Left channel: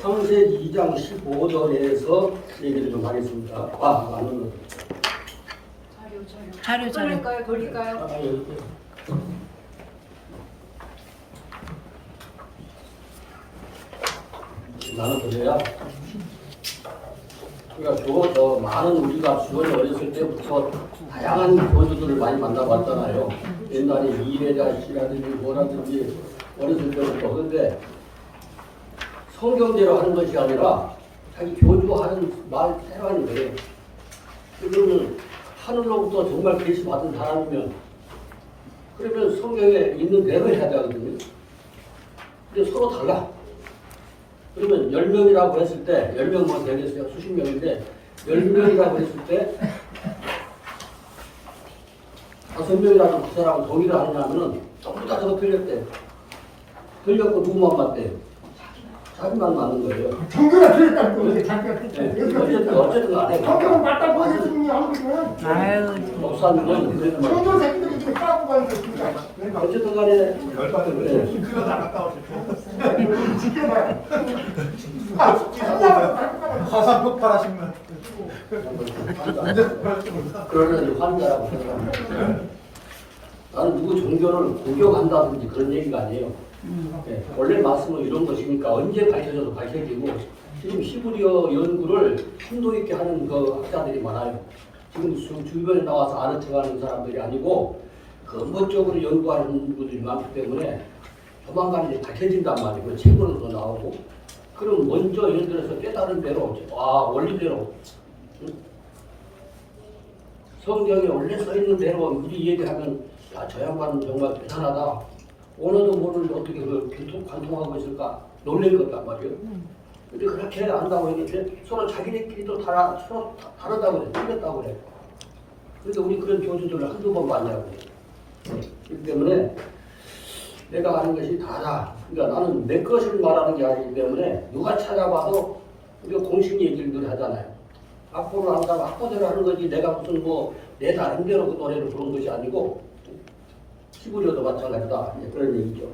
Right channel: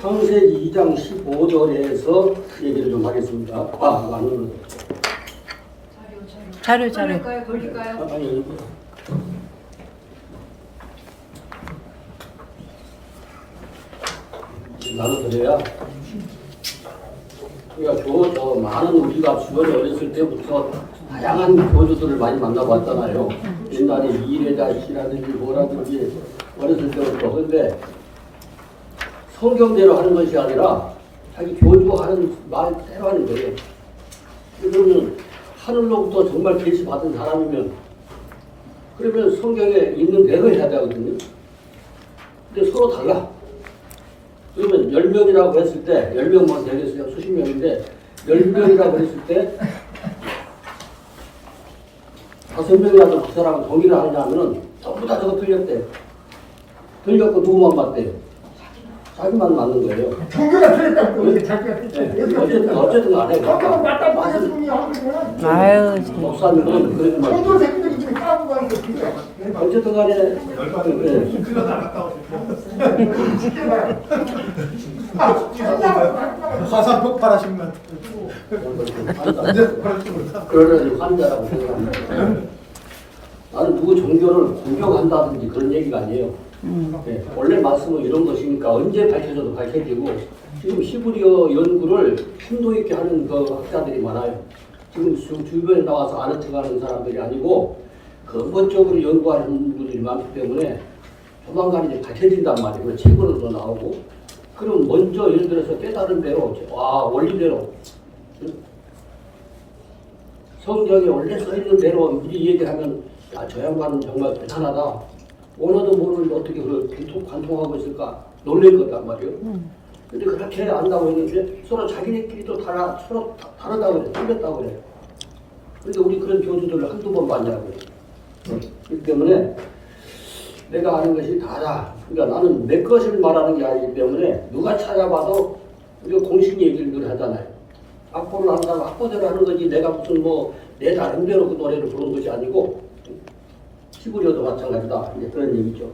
창세기 2장 15절에서 얘기를 좀 하겠습니다. 안 눌러도. 자료. 돌릴까요? 아니, 여기. 나눠드려야. 그러니까 저 많은 우리가 주원이 어렸을 때부터 다양한 교주들을 많이 만나봤잖아요. 옛날에 이래자씨라든지 뭐라든지 어렸을 때부터. 그런데 성경대로 하는 것이 아니라 자기 교주하는 말 그대로 하는 거예요. 그러면 하늘로부터 정말 계시 받은 사람이면 그러면 성경에 있는 대로 해야 되거든요. 근데 서로 달라. 그러면 10명이라고 했을 때 10명만 되겠어요. 수십 명인데 10명이라고 했을 때 5명이라도 그 사람은 동의를 하느냐면은 전부 다 저거 틀렸대. 틀렸고 누구만 맞대요? 자기만 맞는 거예요. 종교가 틀렸다고 또 자기가 틀렸다고. 어쨌든 안 해요. 종교가 맞다고 하셨으니 하거든. 아유, 목사님은 그러지 종교 마시고. 새끼들이 지금 까고 가는 게 진짜. 어쨌든 간에 화산 폭발하신 것 그러려니 환자라고 생각합니다. 나는 누구 종교를 공격한다든지 그런 얘기가 아니에요. 네, 원래 말씀은 이런 것이니까 언제 밝혀져도 밝혀지고 지금 히브리어 연구를 심도 있게 하는 그 학자들이 많아요. 지금 주변에 나와서 아르트가는 사람들이 아니고 근본적으로 연구하는 분들이 많기 때문에 조만간 이제 밝혀진단 말이에요. 그래서 책으로도 나오고 그럼 먼저 예를 들어서 깨달은 대로 원리대로 성경에 원래 써있는 대로 미리 얘기하면 야, 저 양반은 정말 대단하다. 언어도 모르는데 어떻게 그걸 관통하고 있을까? 놀랄 거단 말이에요. 근데 그렇게 안다고 했는데 서로 자기네끼리도 서로 다르다고 그래. 틀렸다고 그래. 그런데 우리 그런 교주들을 한두 번 봤냐고 그래. 그렇기 때문에 내가 아는 것이 다다. 그러니까 나는 내 것을 말하는 게 아니기 때문에 누가 찾아봐도 우리가 공식 얘기를 늘 하잖아요. 악보를 한다면 악보대로 하는 거지 내가 무슨 내 나름대로 그 노래를 부르는 것이 아니고 히브리어도 마찬가지다. 이제 그런 얘기죠.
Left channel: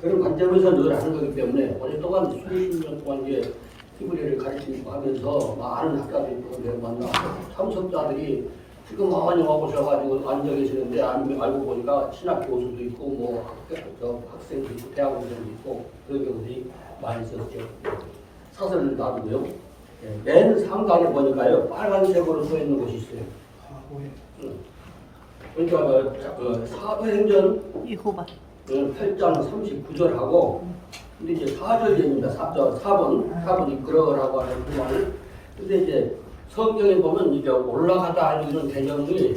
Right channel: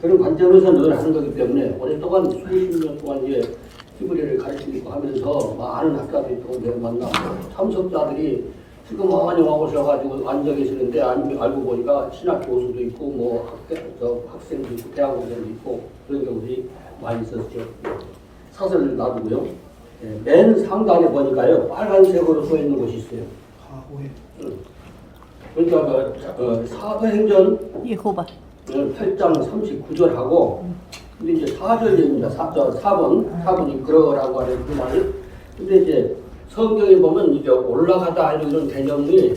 그런 관점에서 늘 하는 거기 때문에 오랫동안 수십 년 동안 이제 히브리어를 가르치고 하면서 많은 학자들이 또 내가 만나 참석자들이 지금 많이 와보셔가지고 앉아 계시는데 아니면 알고 보니까 신학 교수도 있고 학생도 있고 대학원생도 있고 그런 경우들이 많이 있었죠. 사설을 놔두고요. 맨 상단에 보니까요 빨간색으로 써 있는 곳이 있어요. 그러니까 사도행전 예호바 8장 39절하고 근데 이제 4절입니다. 4번이 그러라고 하는 그 말을 근데 이제 성경에 보면 이제 올라가다 이런 개념이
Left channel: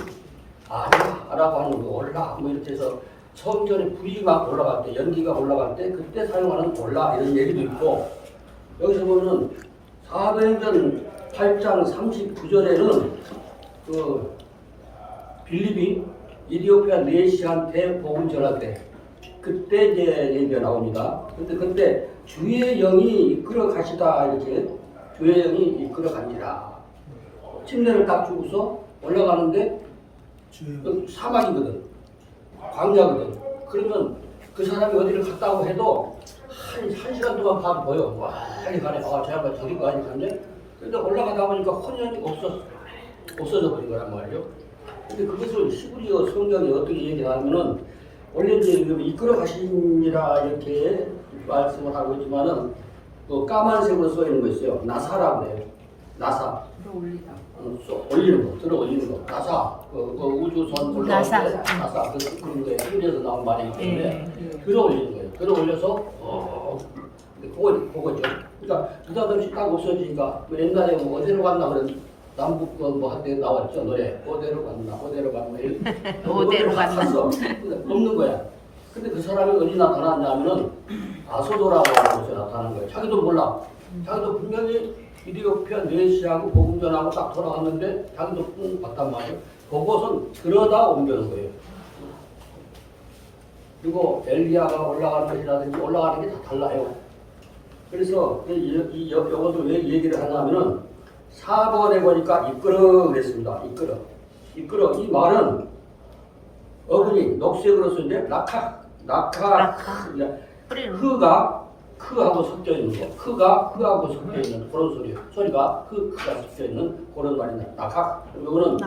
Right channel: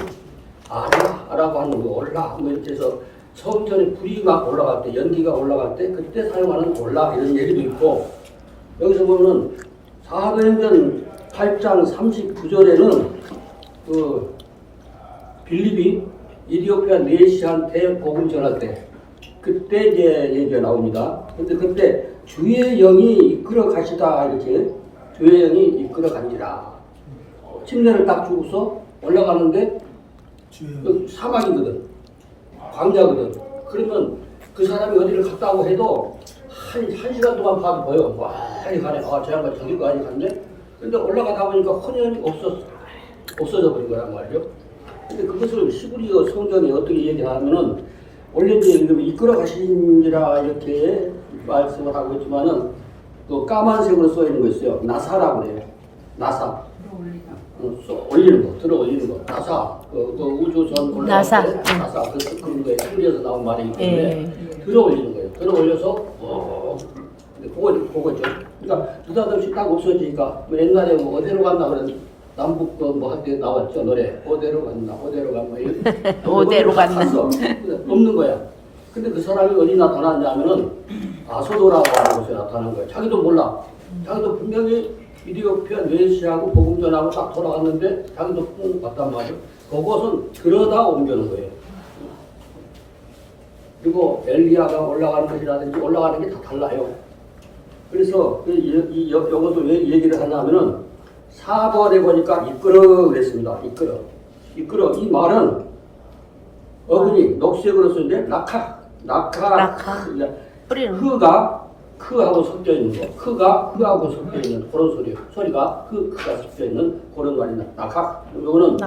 아라고 하는 거 올라 이렇게 해서 성전에 불이 막 올라갈 때 연기가 올라갈 때 그때 사용하는 올라 이런 얘기도 있고 여기서 보면은 사도행전 8장 39절에는 그 빌립이 이디오피아 네시한테 복음 전할 때 그때 이제 얘기가 나옵니다. 근데 그때 주의 영이 이끌어 가시다 이렇게 주의 영이 이끌어 간지라. 침례를 딱 주고서 올라가는데 사막이거든. 광야거든. 그러면 그 사람이 어디를 갔다고 해도 한 시간 동안 봐도 보여. 빨리 가네. 저 양반 저기까지 갔네. 근데 올라가다 보니까 혼연이 없어져 버린 거란 말이죠. 근데 그것을 히브리어 성경에 어떻게 얘기하면은 원래 이제 이끌어 가시니라 이렇게 말씀을 하고 있지만은 또 까만색으로 써 있는 거 있어요. 나사라고 해요. 나사. 올리는 거, 들어 올리는 거. 나사. 그 우주선 올라갈 때 나사. 그런 거에 히브리어에서 나온 말이기 때문에 들어 올리는 거예요. 들어 올려서 그거죠. 그러니까 느닷없이 딱 없어지니까 옛날에 어디로 갔나 그런 남북 한때 나왔죠 노래 어디로 갔나 어디로 갔나 어디로 갔나 없는 거야. 근데 그 사람이 어디 나타났냐면은 아소도라고 하는 곳에 나타난 거야. 자기도 몰라. 자기도 분명히 이디오피아 네시하고 복음 전하고 딱 돌아갔는데 자기도 뿡 봤단 말이야. 그것은 그러다 옮겨는 거예요. 그리고 엘리야가 올라가는 것이라든지 올라가는 게 다 달라요. 그래서 이것도 왜 얘기를 하냐면은 4번에 보니까 이끌어 그랬습니다. 이끌어. 이 말은 어근이 녹색으로 쓰는데 낙하. 흐가 크하고 섞여 있는 거, 크가 흐하고 섞여 있는 그런 소리, 소리가 크가 섞여 있는 그런 말입니다. 낙학. 이거는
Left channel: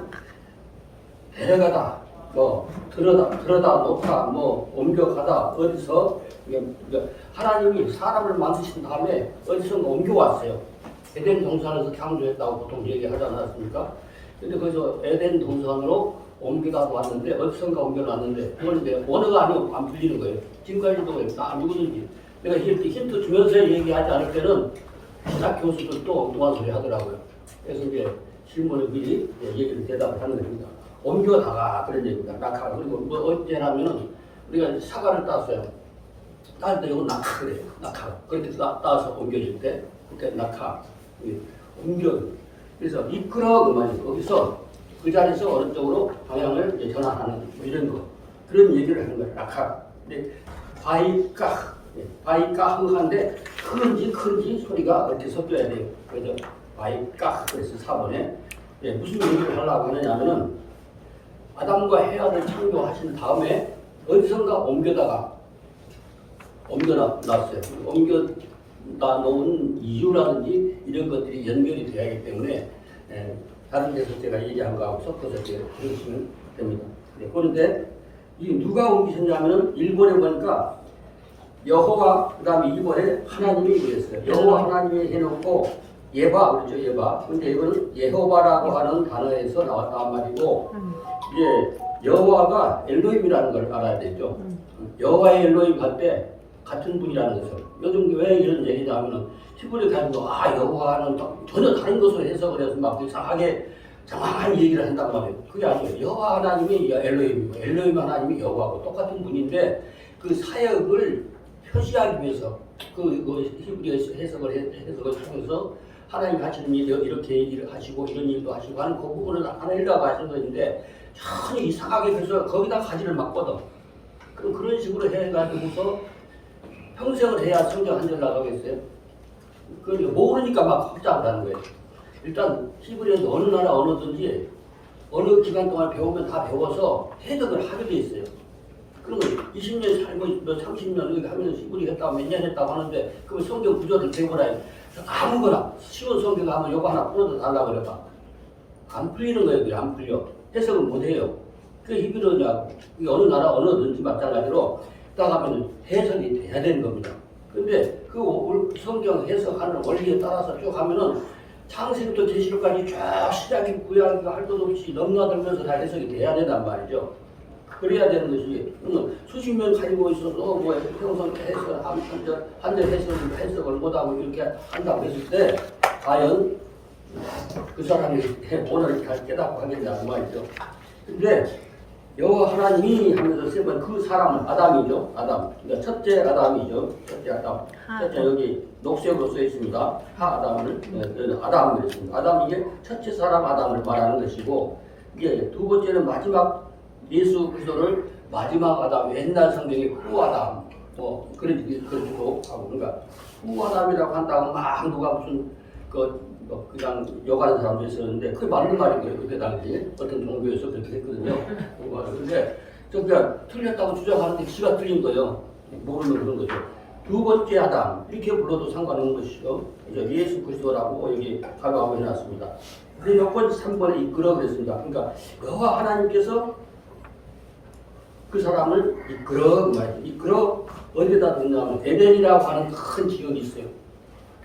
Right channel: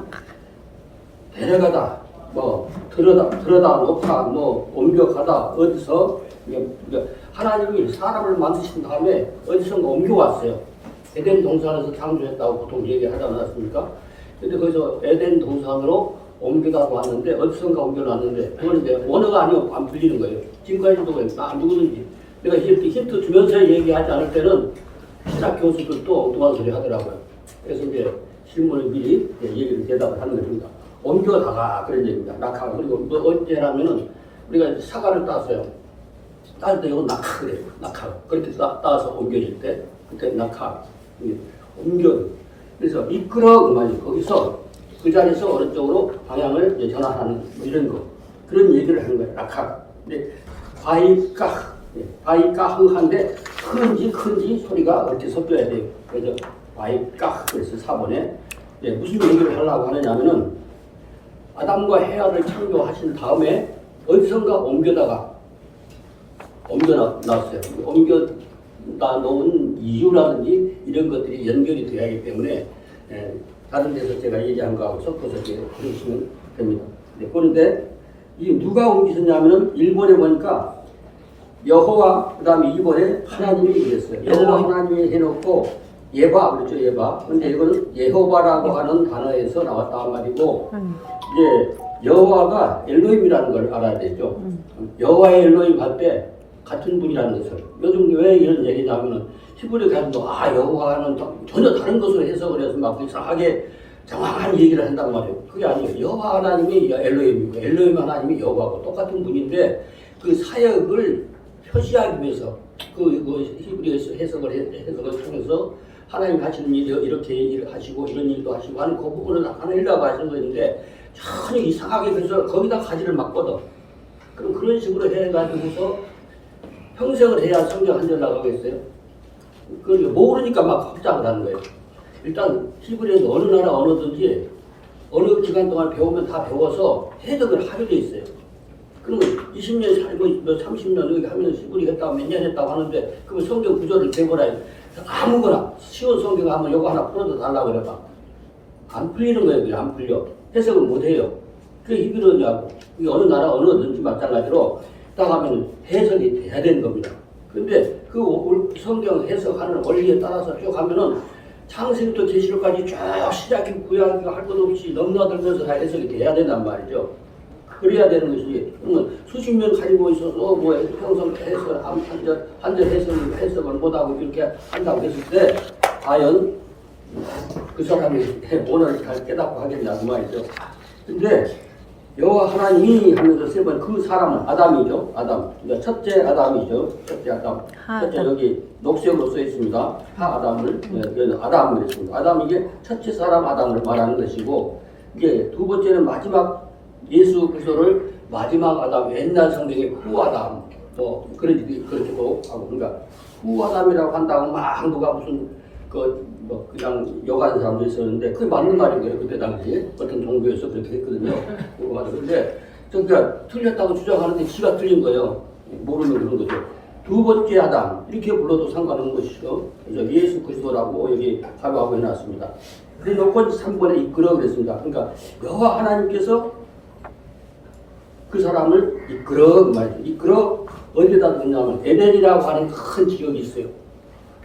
데려가다, 뭐 들어다 놓다, 뭐 옮겨가다, 어디서 이게 하나님이 사람을 만드신 다음에 어디선가 옮겨왔어요. 에덴 동산에서 창조했다고 보통 얘기하지 않았습니까? 근데 거기서 에덴 동산으로 옮겨다 놨는데 어디선가 옮겨놨는데 그건 이제 원어가 아니고 안 풀리는 거예요. 지금까지도 누구든지 내가 이렇게 힌트 주면서 얘기하지 않을 때는 신학 교수들도 엉뚱한 소리 하더라고요. 그래서 이제 질문을 미리 얘기를 대답을 하는 것입니다. 옮겨다가 그런 얘기입니다. 낙하. 그리고 뭐 어째라면은 우리가 사과를 땄어요. 딸 때 이건 낙하 그래요. 낙하. 그렇게 따서 옮겨질 때 그때 낙하. 옮겨. 그래서 이끌어 그 말이에요. 거기서 그 자리에서 어느 쪽으로 방향을 이제 전환하는 뭐 이런 거 그런 얘기를 하는 거예요. 낙하. 근데 바이까흥한데 큰지 소리가 이렇게 섞여야 돼요. 그래서 바이까 그래서 4번에 무슨 얘기를 하려고 하느냐면은 아담과 헤아를 창조하신 다음에 어디선가 옮겨놨어요. 옮겨다 놓은 이유라든지 이런 것들이 연결이 돼야 하기 때문에 다른 데서 제가 얘기한 거하고 섞어서 이렇게 들으시면 됩니다. 그런데 이 누가 옮기셨냐면은 1번에 보니까 여호와 그 다음에 2번에 하나님이 그랬어요. 여호와 하나님이 해놓고 예바 그렇죠. 예바. 근데 이거는 예호바라고 하는 단어에서 나왔단 말이고 이제 여호와가 엘로힘이라는 걸 알아야 되죠. 여호와의 엘로힘 할 때 같은 분이라는 것을 요즘 왜 이런 얘기냐면은 히브리 가지고 여호와는 전혀 다른 것으로 해석을 해서 막 이상하게 정확한 얘기를 한단 말이에요. 그게 아니에요. 여호와 하나님이 엘로힘이고 엘로힘 하나님이 여호와고 똑같은 분인데 그 사역을 표시하기 위해서 그 히브리 해석을 통해서 하나님 하시는 일 이렇게 일을 하시고 이런 일도 하시고 하는 그 부분을 하나님이라고 하시는 것인데 전혀 이상하게 그래서 거기다 가지를 막거든. 그럼 그런 식으로 해가지고서 평생을 해야 성경 한 절 나가겠어요? 그러니까 모르니까 막 확장을 하는 거예요. 일단 히브리에서 어느 나라 언어든지 어느 기간 동안 배우면 다 배워서 해석을 하게 돼 있어요. 그러면 20년 살고 30년 여기 하면 히브리 했다고 몇 년 했다고 하는데 그러면 성경 구조를 배워라. 아무거나 쉬운 성경 하면 요거 하나 풀어도 달라고 그래봐. 안 풀리는 거예요. 그게 안 풀려. 해석을 못 해요. 그게 히브리어냐고. 그게 어느 나라 언어든지 마찬가지로 딱 하면 해석이 돼야 되는 겁니다. 근데 그 성경 해석하는 원리에 따라서 쭉 하면은 창세기부터 계시록까지 쭉 시작이 구약이 할 것 없이 넘나들면서 다 해석이 돼야 된단 말이죠. 그래야 되는 것이지. 그러면 수십 년 가지고 있어서 뭐 평생 해석을 한절 해석을 못하고 이렇게 한다고 했을 때 과연 그 사람이 오늘 잘 깨닫고 하겠냐 그 말이죠. 근데 여호와 하나님이 하면서 세 번 그 사람은 아담이죠. 아담. 그러니까 첫째 아담이죠. 첫째 아담. 첫째 여기 녹색으로 써 있습니다. 아담을 아담을 했습니다. 아담 이게 첫째 사람 아담을 말하는 것이고 이게 두 번째는 마지막 예수 그리스도를 마지막 아담 옛날 성경에 후 아담 뭐 그렇게도 하고 그러니까 후 아담이라고 한다고 막 누가 무슨 뭐 그냥 욕하는 사람도 있었는데 그게 맞는 말인 거예요. 그때 당시에 어떤 종교에서 그렇게 했거든요. 그런데 그러니까 틀렸다고 주장하는데 지가 틀린 거예요. 모르면 그런 거죠. 두 번째 아담 이렇게 불러도 상관없는 것이죠. 그래서 예수 그리스도라고 여기 가로하고 해놨습니다. 그래 놓고 3번에 이끌어 그랬습니다. 그러니까 여호와 하나님께서 그 사람을 이끌어 그 말이죠. 이끌어 어디에다 뒀냐면 에덴이라고 하는 큰 지역이 있어요.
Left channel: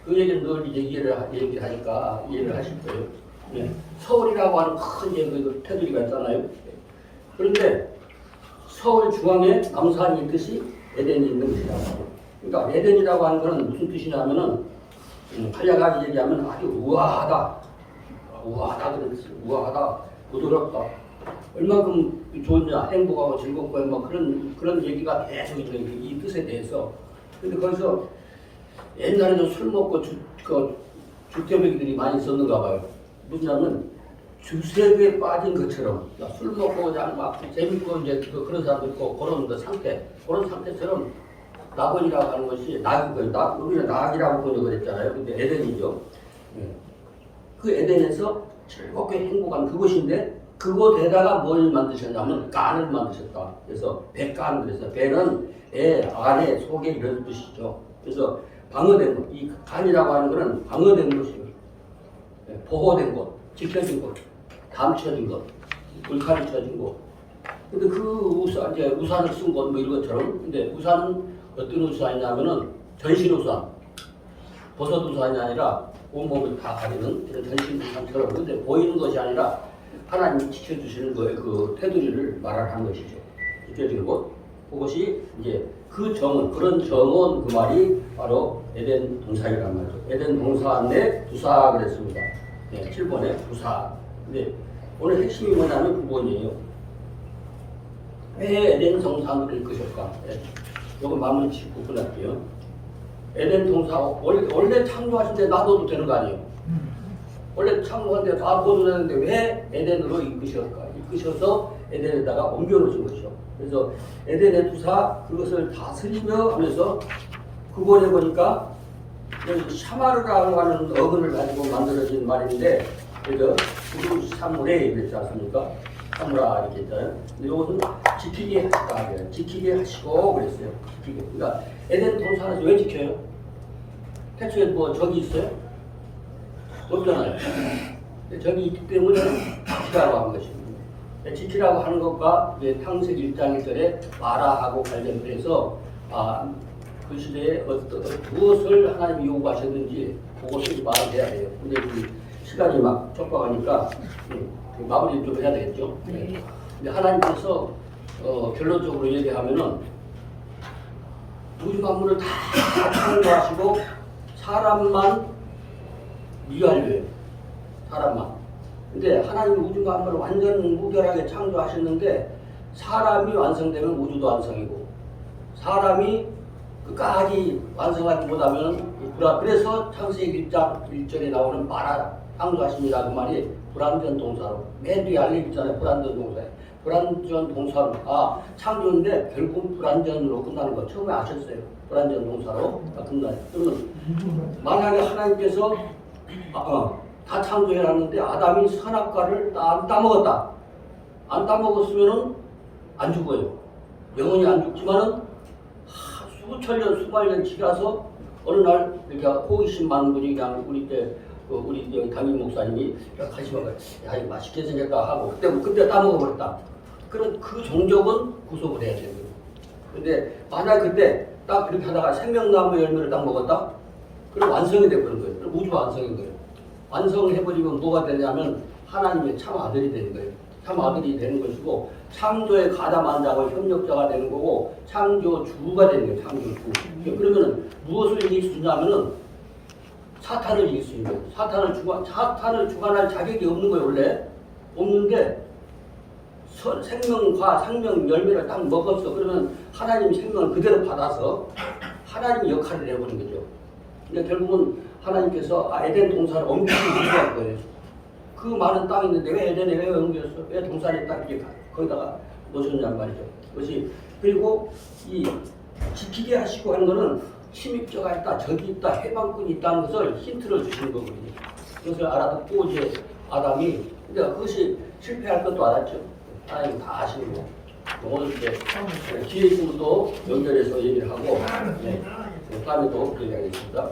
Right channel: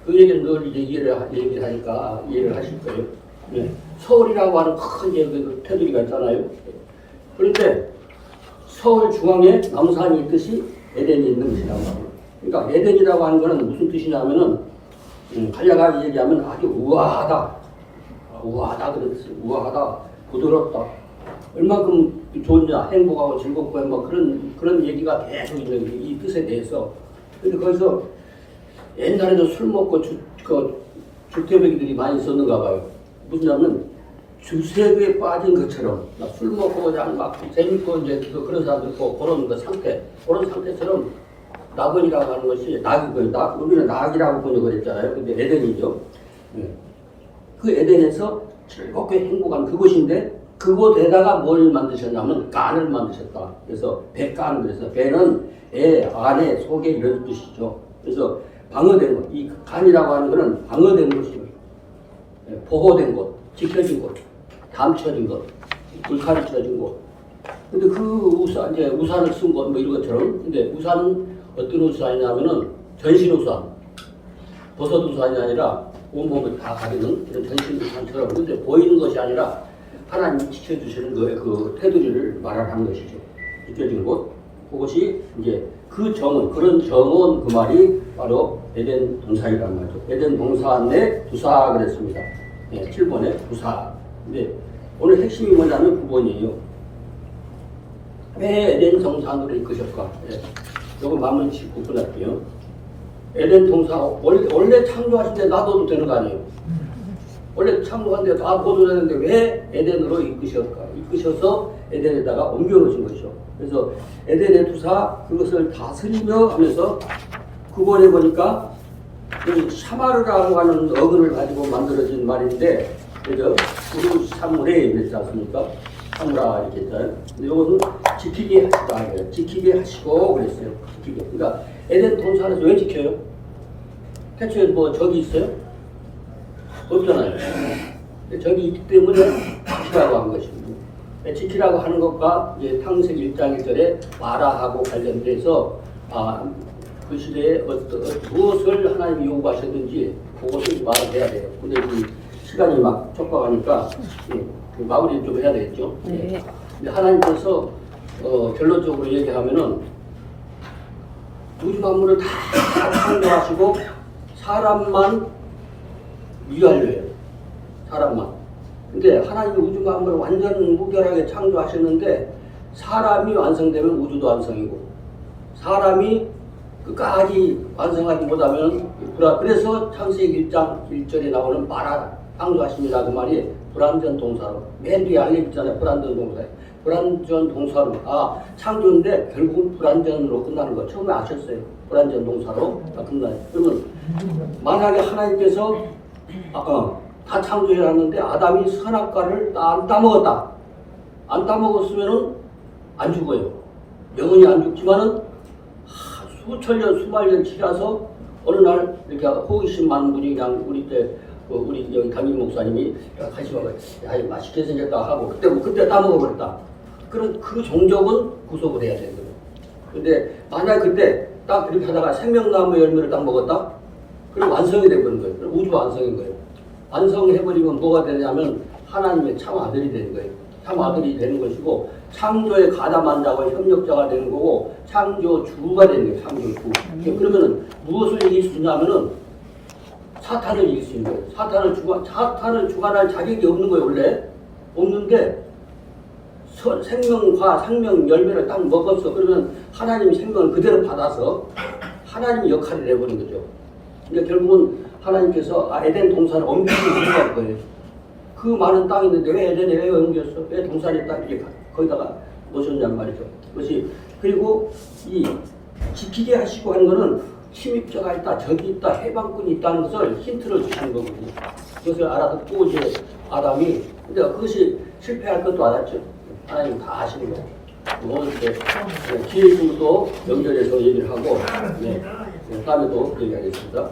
그 얘기는 늘 이제 얘기를 하니까 이해를 하실 거예요. 네. 서울이라고 하는 큰 지역에 테두리가 있잖아요. 그런데 서울 중앙에 남산이 있듯이 에덴이 있는 것이란 말이에요. 그러니까 에덴이라고 하는 것은 무슨 뜻이냐면은 간략하게 얘기하면 아주 우아하다. 우아하다 그런 뜻이에요. 우아하다. 부드럽다. 얼만큼 좋냐, 행복하고 즐겁고 뭐 그런 얘기가 계속 있는 이 뜻에 대해서. 근데 거기서 옛날에도 술 먹고 주태배기들이 많이 있었는가 봐요. 무슨냐면 주색에 빠진 것처럼 술 먹고 그냥 막 재밌고 이제 그런 사람도 있고 그런 상태처럼 낙원이라고 하는 것이 낙이고요. 우리는 낙이라고 번역을 했잖아요. 근데 에덴이죠. 그 에덴에서 즐겁게 행복한 그곳인데 그곳에다가 뭘 만드셨냐면 깐을 만드셨다. 그래서 배깐 그래서 배는 애, 안에, 속에 이런 뜻이죠. 그래서 방어된 것. 이 간이라고 하는 것은 방어된 것이에요. 예, 보호된 것, 지켜진 것, 감춰진 것, 불칼이 쳐진 것. 근데 그 우산, 이제 우산을 쓴 것, 뭐 이런 것처럼. 근데 우산은 어떤 우산이냐면은 전신 우산. 버섯 우산이 아니라 온몸을 다 가리는 그런 전신 우산처럼. 근데 보이는 것이 아니라 하나님이 지켜주시는 거에 그 테두리를 말하는 것이죠. 지켜지는 곳. 그것이 이제 그 정원, 그런 정원 그 말이 바로 에덴 동산이란 말이죠. 에덴 동산 내 두사 그랬습니다. 네, 7번에 두사. 근데 오늘 핵심이 뭐냐면 9번이에요. 왜 에덴 동산으로 이끄셨까? 네, 요거 마무리 짓고 끝날게요. 에덴 동산, 원래 창조하신 데 놔둬도 되는 거 아니에요? 원래 창조한 데 놔둬도 되는데 왜 에덴으로 이끄셔서 에덴에다가 옮겨놓으신 것이죠. 그래서 에덴의 두사, 그것을 다스리며 하면서 9번에 보니까 여기 샤마르라고 하는 어근을 가지고 만들어진 말인데, 그래서 우루 사무레 그랬지 않습니까? 사무라 이렇게 했잖아요. 근데 이것은 지키게 하시다. 지키게 하시고 그랬어요. 지키게. 그러니까 에덴 동산에서 왜 지켜요? 태초에 뭐 적이 있어요? 없잖아요. 적이 있기 때문에 지키라고 한 것입니다. 지키라고 하는 것과 이제 창세기 1장 1절에 마라하고 관련돼서 그 시대에 무엇을 하나님이 요구하셨는지 그것을 말을 해야 돼요. 근데 이 시간이 막 촉박하니까 마무리 좀 해야 되겠죠. 네. 근데 하나님께서 결론적으로 얘기하면은 우주 만물을 다 창조하시고 사람만 미완료예요. 사람만. 근데 하나님이 우주 만물을 완전 무결하게 창조하셨는데 사람이 완성되면 우주도 완성이고 사람이 끝까지 완성하지 못하면 그래서 창세기 1장 1절에 나오는 마라 창조하십니다. 그 말이 불완전 동사로 맨 뒤에 알림 있잖아요. 불완전 동사에 불완전 동사로 창조인데 결국은 불완전으로 끝나는 거 처음에 아셨어요. 불완전 동사로 다 끝나요. 그러면 만약에 하나님께서 다 창조해놨는데 아담이 선악과를 안 따먹었다. 안 따먹었으면은 안 죽어요. 영원히 안 죽지만은 수천 년, 수만 년 지나서 어느 날 이렇게 호기심 많은 분이 그냥 우리 때 우리 여기 담임 목사님이 가시다가 야 맛있게 생겼다 하고 그때 따먹어버렸다. 그럼 그 종족은 구속을 해야 되거든요. 근데 만약 그때 딱 이렇게 하다가 생명나무 열매를 딱 먹었다? 그럼 완성이 돼버린 거예요. 그럼 우주 완성인 거예요. 완성해버리면 뭐가 되냐면 하나님의 참 아들이 되는 거예요. 참 아들이 되는 것이고 창조에 가담한 자와 협력자가 되는 거고 창조주가 되는 거예요. 창조주. 그러면은 무엇을 이길 수 있냐면은 사탄을 이길 수 있는 거예요. 사탄을 주관할 자격이 없는 거예요. 원래 없는데 생명 열매를 딱 먹었어. 그러면 하나님이 생명을 그대로 받아서 하나님의 역할을 내버린 거죠. 그러니까 결국은 하나님께서 에덴 동산을 옮기시는 이유가 거예요. 그 많은 땅이 있는데 왜 에덴에 왜 옮겼어? 왜 동산에 딱 이렇게 거기다가 놓으셨냔 말이죠. 그것이 그리고 이 지키게 하시고 하는 거는 침입자가 있다, 적이 있다, 해방꾼이 있다는 것을 힌트를 주시는 거거든요. 그것을 알아듣고 이제 아담이 근데 그것이 실패할 것도 알았죠. 하나님 다 아시는 거. 오늘 이제 기회 있으면 또 연결해서 얘기를 하고 다음에 또 얘기하겠습니다.